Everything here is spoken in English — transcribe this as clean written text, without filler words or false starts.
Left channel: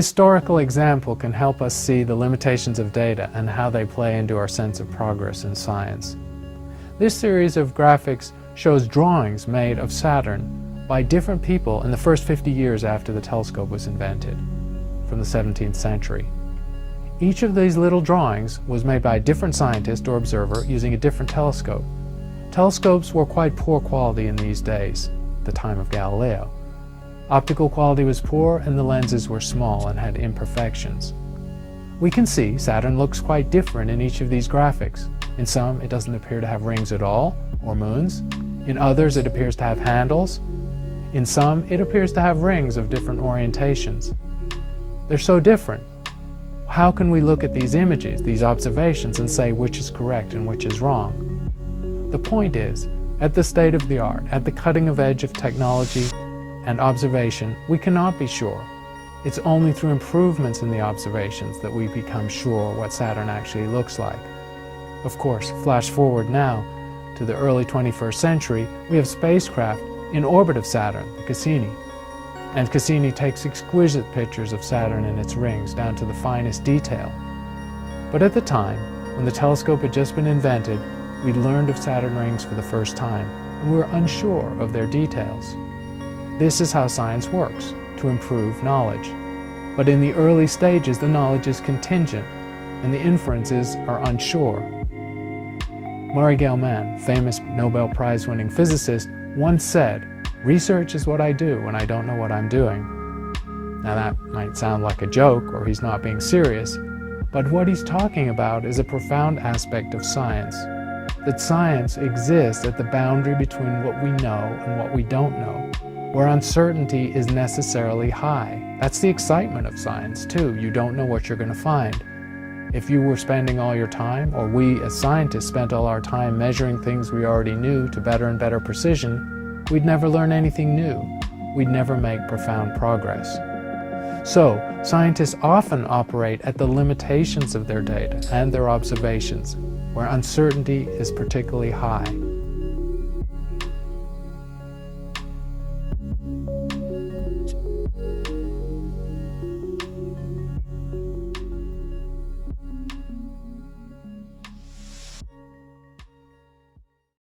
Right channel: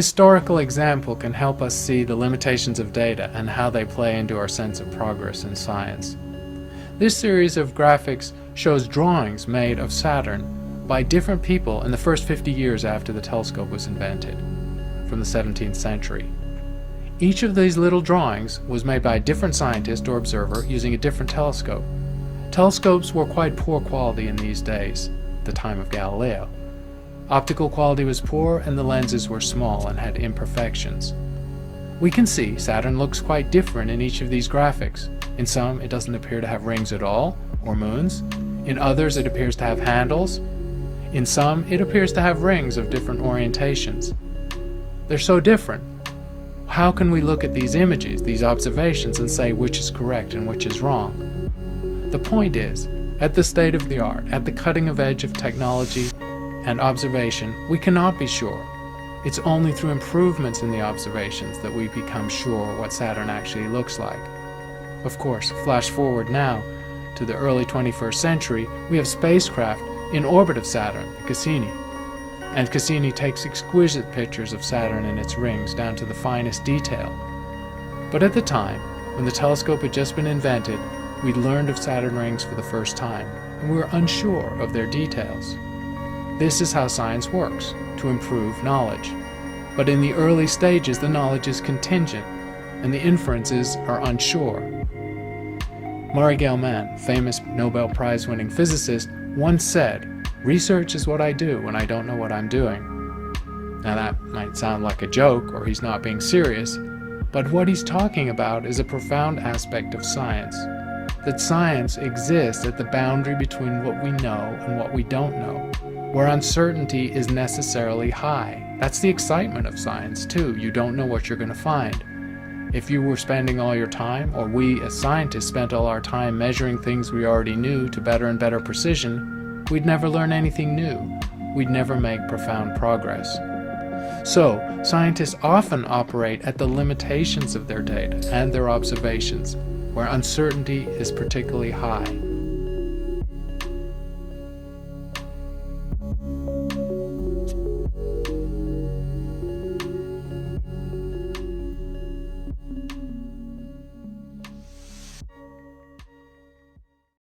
historical example can help us see the limitations of data and how they play into our sense of progress in science. This series of graphics shows drawings made of Saturn by different people in the first 50 years after the telescope was invented, from the 17th century. Each of these little drawings was made by a different scientist or observer using a different telescope. Telescopes were quite poor quality in these days, the time of Galileo. Optical quality was poor and the lenses were small and had imperfections. We can see Saturn looks quite different in each of these graphics. In some, it doesn't appear to have rings at all, or moons. In others, it appears to have handles. In some, it appears to have rings of different orientations. They're so different. How can we look at these images, these observations, and say which is correct and which is wrong? The point is, at the state of the art, at the cutting edge of technology and observation, we cannot be sure. It's only through improvements in the observations that we become sure what Saturn actually looks like. Of course, flash forward now to the early 21st century, we have spacecraft in orbit of Saturn, the Cassini. And Cassini takes exquisite pictures of Saturn and its rings down to the finest detail. But at the time, when the telescope had just been invented, we learned of Saturn rings for the first time, and we were unsure of their details. This is how science works, to improve knowledge. But in the early stages, the knowledge is contingent, and the inferences are unsure. Murray Gell-Mann, famous Nobel Prize-winning physicist, once said, "Research is what I do when I don't know what I'm doing." Now that might sound like a joke, or he's not being serious, but what he's talking about is a profound aspect of science. That science exists at the boundary between what we know and what we don't know, where uncertainty is necessarily high. That's the excitement of science, too. You don't know what you're going to find. If you were spending all your time, or we as scientists spent all our time measuring things we already knew to better and better precision, we'd never learn anything new. We'd never make profound progress. So, scientists often operate at the limitations of their data and their observations, where uncertainty is particularly high.